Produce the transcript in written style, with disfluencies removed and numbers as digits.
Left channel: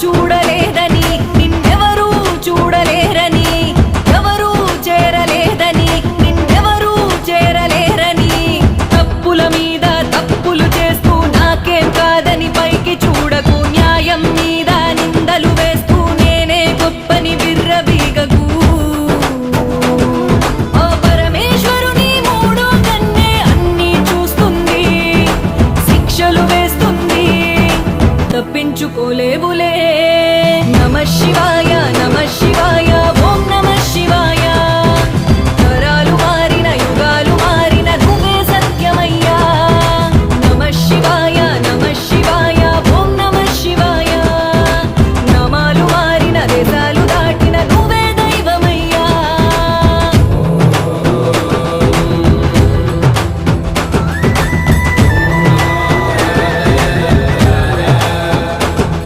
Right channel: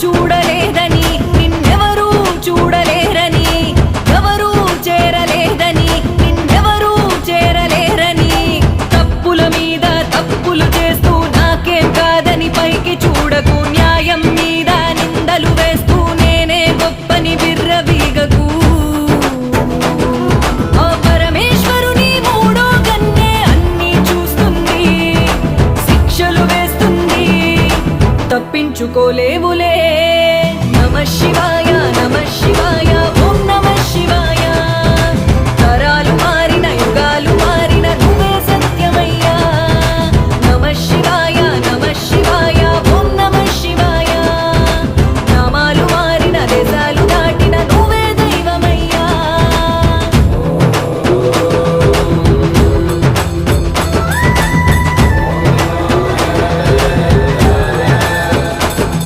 చూడలేదని, నిన్నెవరూ చూడలేరని, ఎవరూ చేరలేదని, నిన్నెవరూ చేరలేరని, తప్పుల మీద తప్పులు చేస్తూ నాకేం కాదని పైకి చూడకు, న్యాయం మీద నిందలు వేస్తూ నేనే గొప్పని విర్రవీగకు. ఆ పరమేశ్వరుని మూడు కన్నే అన్నీ చూస్తుంది, శిక్షలు వేస్తుంది, తప్పించుకోలేవులే. నమః శివాయ, నమః శివాయ.